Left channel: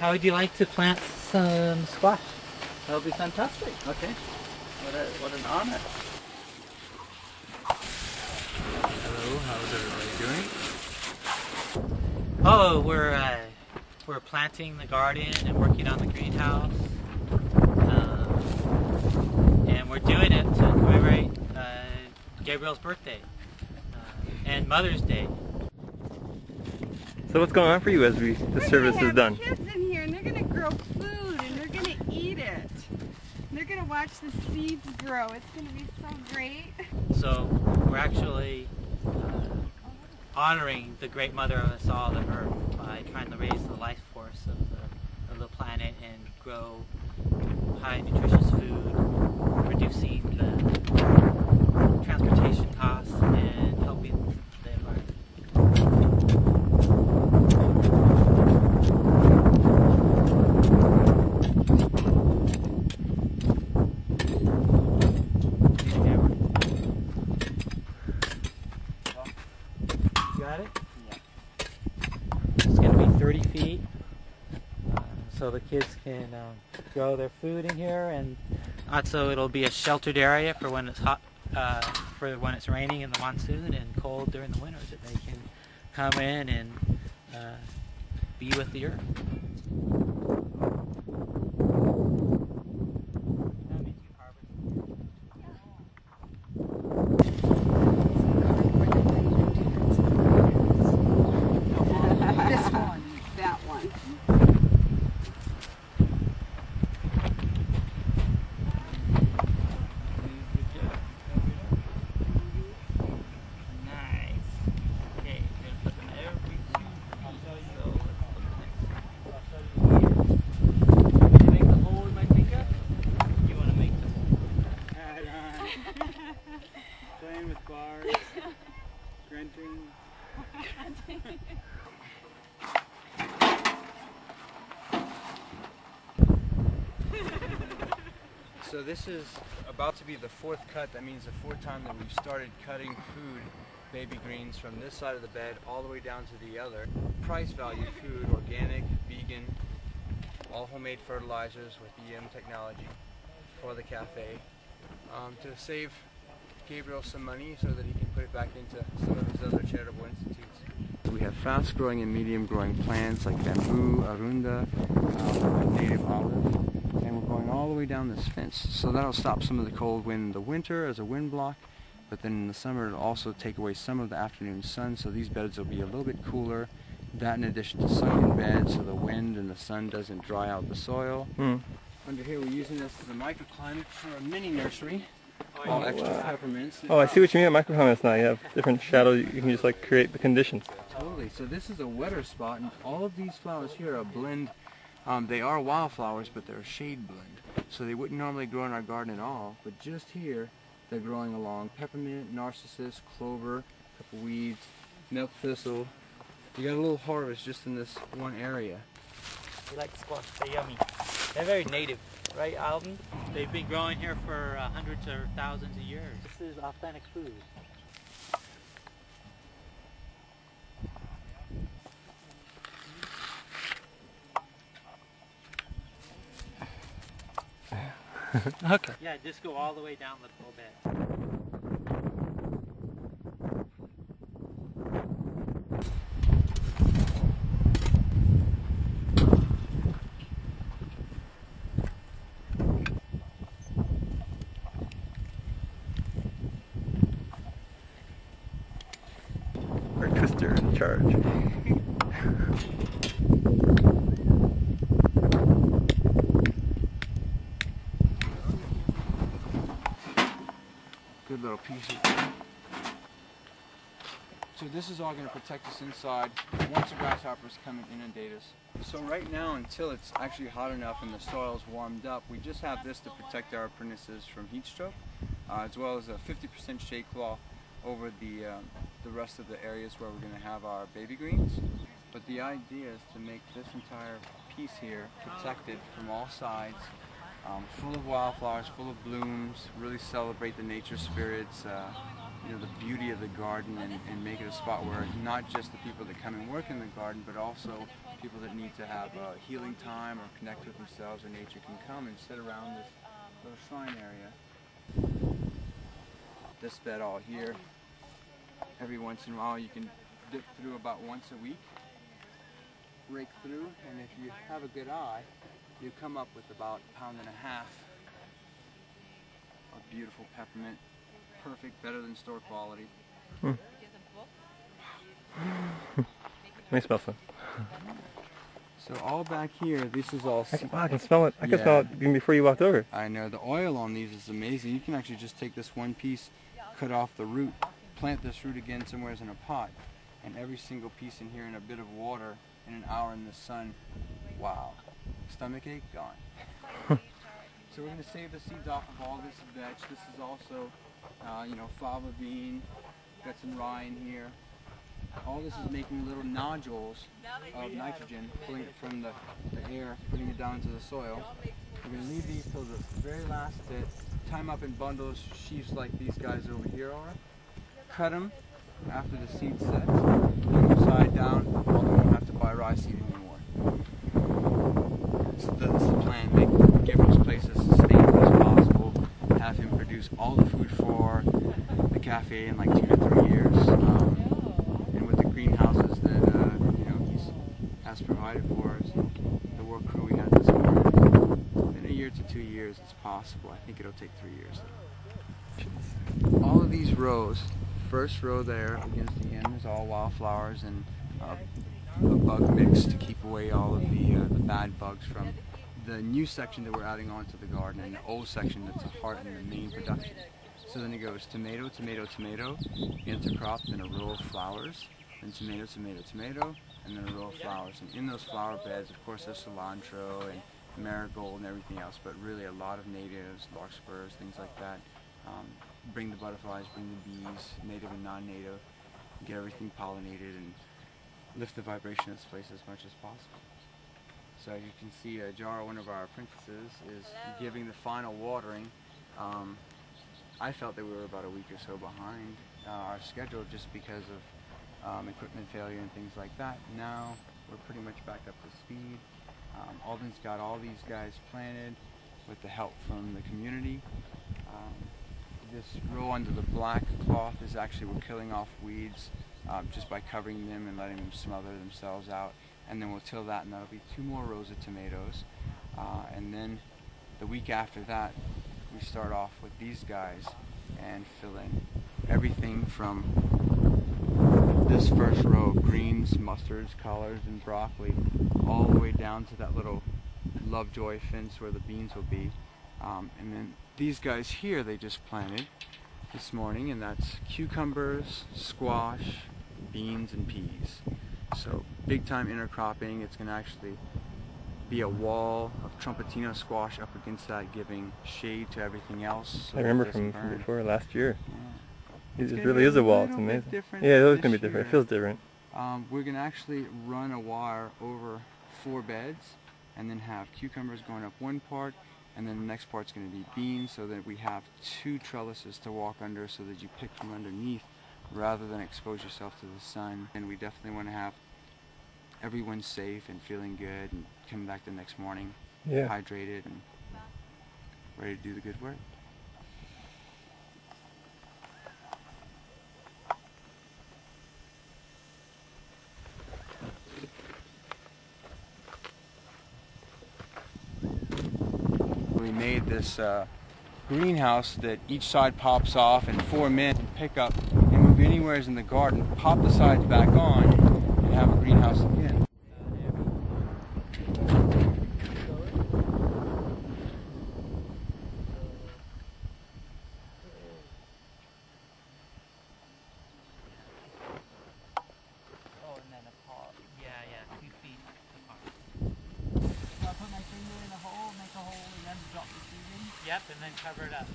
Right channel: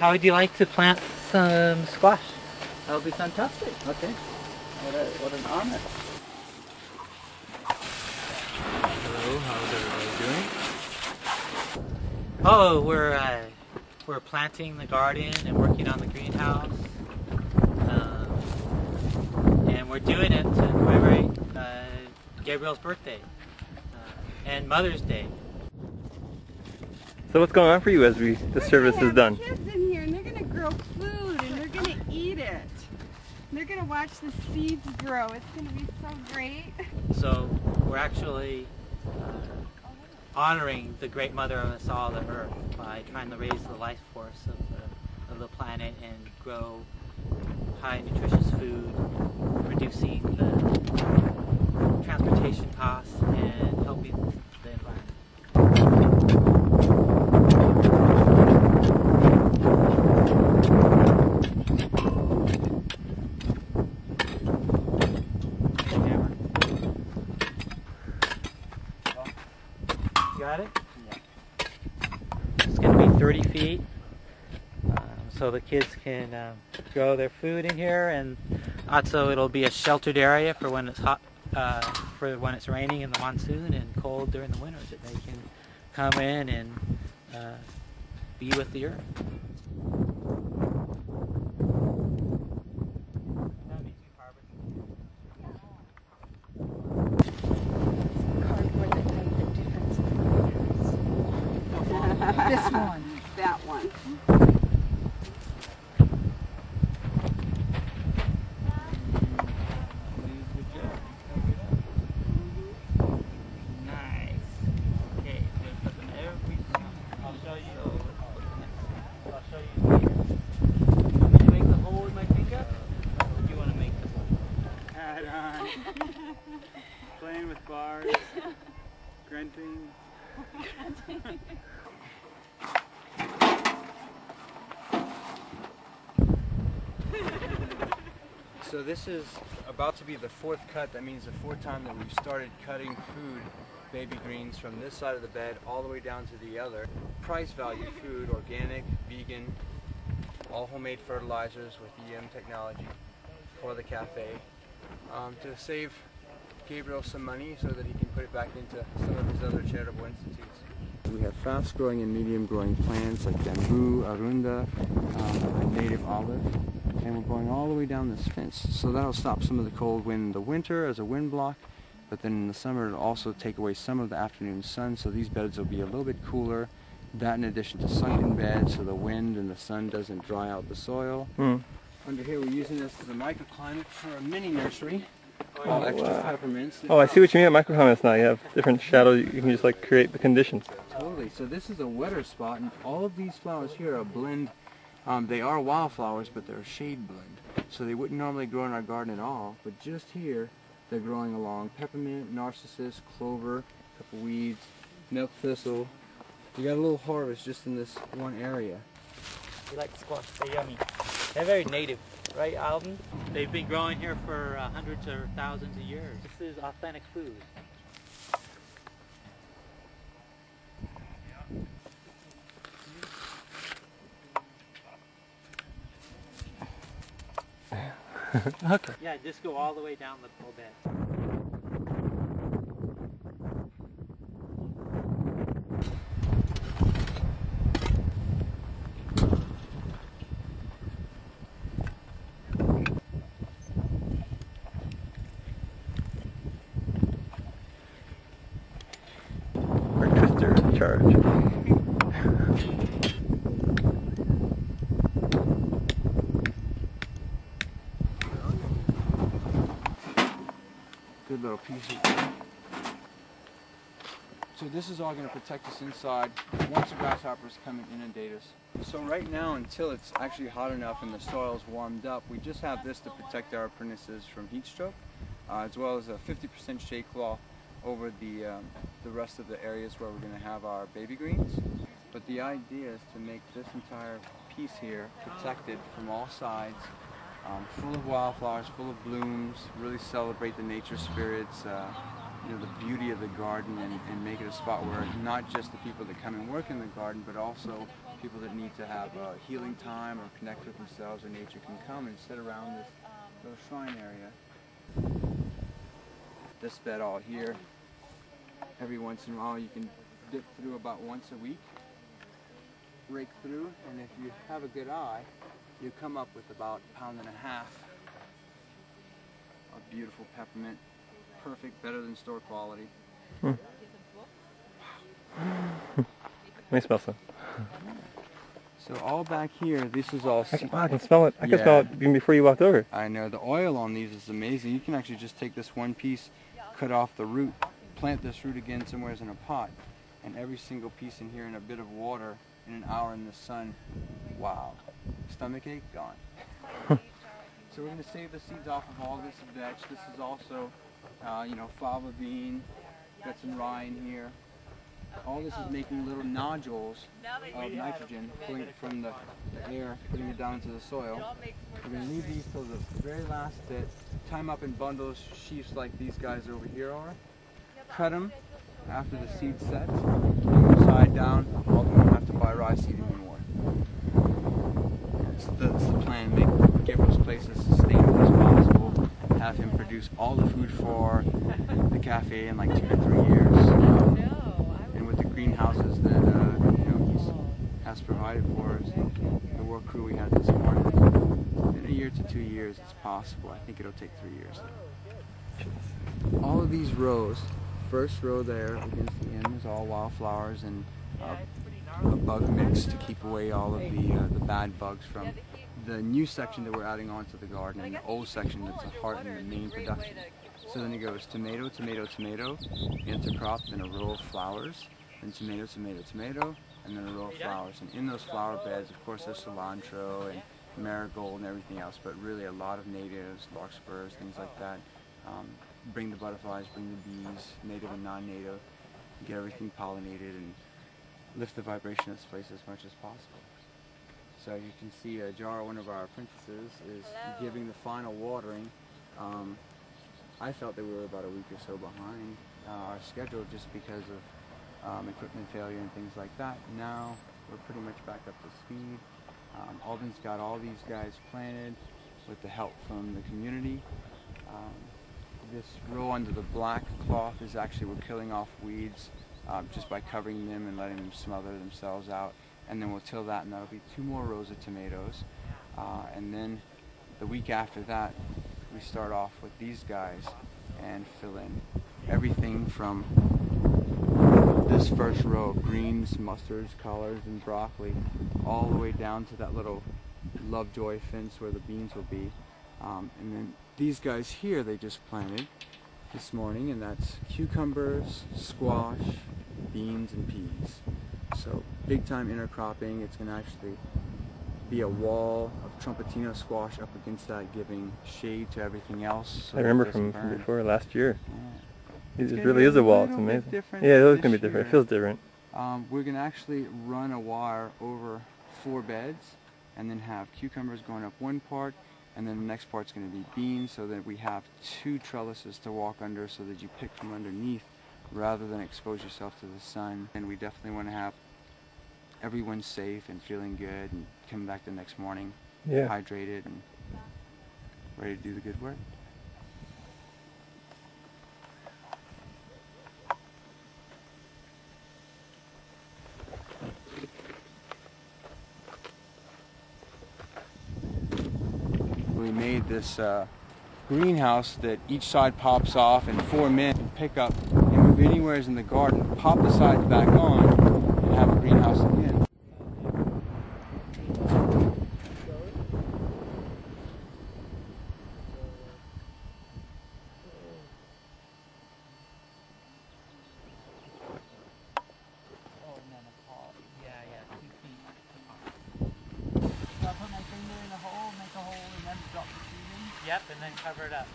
How would you like to plant some squash? That would be fantastic. Okay. What an honor. Hello, how's everybody doing? Oh, we're planting the garden and working on the greenhouse. And we're doing it to commemorate Gabriel's birthday and Mother's Day. So what's going on for you as the service is done? Kids in here, and they're gonna grow food, and they're gonna eat it. And they're gonna watch the seeds grow. It's gonna be so great. So we're actually honoring the great mother of us all, the Earth, by trying to raise the life force of the planet and grow high nutritious food, reducing the transportation costs and helping the environment. Got it? Yeah. It's going to be 30 feet, so the kids can grow their food in here, and also it'll be a sheltered area for when it's hot, for when it's raining in the monsoon and cold during the winters, that they can come in and be with the earth. Cardboard that made the difference in the greenhouse. This one. That one. Nice. Okay, I'm going to put them every two. I'll show you. So let's put the next one. I'll show you here. You want me to make the hole with my finger? You want to make the hole? Hat on. Playing with bars. Grunting. So this is about to be the fourth cut. That means the fourth time that we've started cutting food, baby greens, from this side of the bed all the way down to the other. Price value food, organic, vegan, all homemade fertilizers with EM technology for the cafe, to save Gabriel some money so that he can put it back into some of his other charitable institutes. We have fast growing and medium growing plants like bamboo, arunda, a native olive, and we're going all the way down this fence. So that'll stop some of the cold wind in the winter as a wind block, but then in the summer it'll also take away some of the afternoon sun, so these beds will be a little bit cooler. That in addition to sunken beds so the wind and the sun doesn't dry out the soil. Under here we're using this as a microclimate for a mini nursery. All extra peppermints. Oh, I see what you mean by microclimates now. You have different shadows. You can just like create the conditions. Totally. So this is a wetter spot, and all of these flowers here are a blend. They are wildflowers, but they're a shade blend. So they wouldn't normally grow in our garden at all, but just here they're growing along peppermint, narcissus, clover, a couple weeds, milk thistle. You got a little harvest just in this one area. We like squash, they're yummy. They're very native, right, Alden? They've been growing here for hundreds or thousands of years. This is authentic food. Okay. Yeah, just go all the way down the whole bed. Our twister in charge. Good little piece of. So this is all going to protect us inside once the grasshoppers come and inundate us. So right now, until it's actually hot enough and the soil's warmed up, we just have this to protect our apprentices from heat stroke, as well as a 50% shade cloth over the rest of the areas where we're going to have our baby greens. But the idea is to make this entire piece here protected from all sides, full of wildflowers, full of blooms, really celebrate the nature spirits, the beauty of the garden and make it a spot where not just the people that come and work in the garden, but also people that need to have healing time or connect with themselves or nature can come and sit around this little shrine area. This bed all here, every once in a while you can dip through about once a week, rake through, and if you have a good eye, you come up with about 1.5 pounds of beautiful peppermint. Perfect, better than store quality. May smell some. So all back here, this is all... I can smell it. I can smell it even before you walked over. I know, the oil on these is amazing. You can actually just take this one piece, cut off the root, plant this root again somewhere in a pot, and every single piece in here in a bit of water in an hour in the sun. Wow. Stomach ache, gone. So we're going to save the seeds off of all this veg. This is also, fava bean, got some rye in here. All this is making little nodules of nitrogen, pulling it from the air, putting it down into the soil. We're going to leave these till the very last bit, tie them up in bundles, sheaves like these guys over here are, cut them after the seed sets, hang them side down, all them won't have to buy rye seed anymore. That's the plan, make Gabriel's place as sustainable as possible, have him produce all the food for the cafe in like 2 to 3 years. And with the greenhouses that he has provided for us, and the work crew we had this morning, in 1 year to 2 years it's possible. I think it'll take 3 years though. All of these rows, first row there against the end is all wildflowers and a bug mix to keep away all of the bad bugs from the new section that we're adding onto the garden, and the old section that's the heart and the main production. So then it goes tomato, tomato, tomato, intercrop, then a row of flowers, then tomato, tomato, tomato, and then a row of flowers. And in those flower beds, of course, there's cilantro and marigold and everything else, but really a lot of natives, larkspurs, things like that. Bring the butterflies, bring the bees, native and non-native, get everything pollinated and lift the vibration of this place as much as possible. So you can see Jara, one of our apprentices, is giving the final watering. I felt that we were about a week or so behind our schedule just because of equipment failure and things like that. Now we're pretty much back up to speed. Alden's got all these guys planted with the help from the community. This row under the black cloth is actually, we're killing off weeds just by covering them and letting them smother themselves out. And then we'll till that, and that'll be 2 more rows of tomatoes. And then the week after that, we start off with these guys and fill in everything from this first row of greens, mustards, collards, and broccoli, all the way down to that little Lovejoy fence where the beans will be. And then these guys here, they just planted this morning, and that's cucumbers, squash, beans, and peas. So big time intercropping. It's going to actually be a wall of trumpetino squash up against that, giving shade to everything else. So I remember from before last year. Yeah. It really is a wall. It's amazing. Yeah, it is going to be different. It feels different. We're going to actually run a wire over 4 beds and then have cucumbers going up one part, and then the next part's going to be beans, so that we have 2 trellises to walk under so that you pick from underneath rather than expose yourself to the sun. And we definitely want to have everyone safe and feeling good and coming back the next morning hydrated and ready to do the good work. We made this greenhouse that each side pops off, and 4 men can pick up and move anywhere in the garden, pop the sides back on, and have a greenhouse again. Oh, and then a paw. Yeah, 2 feet apart. So I'll put my finger in a hole, make a hole, and then drop the seed in? Yep, and then cover it up.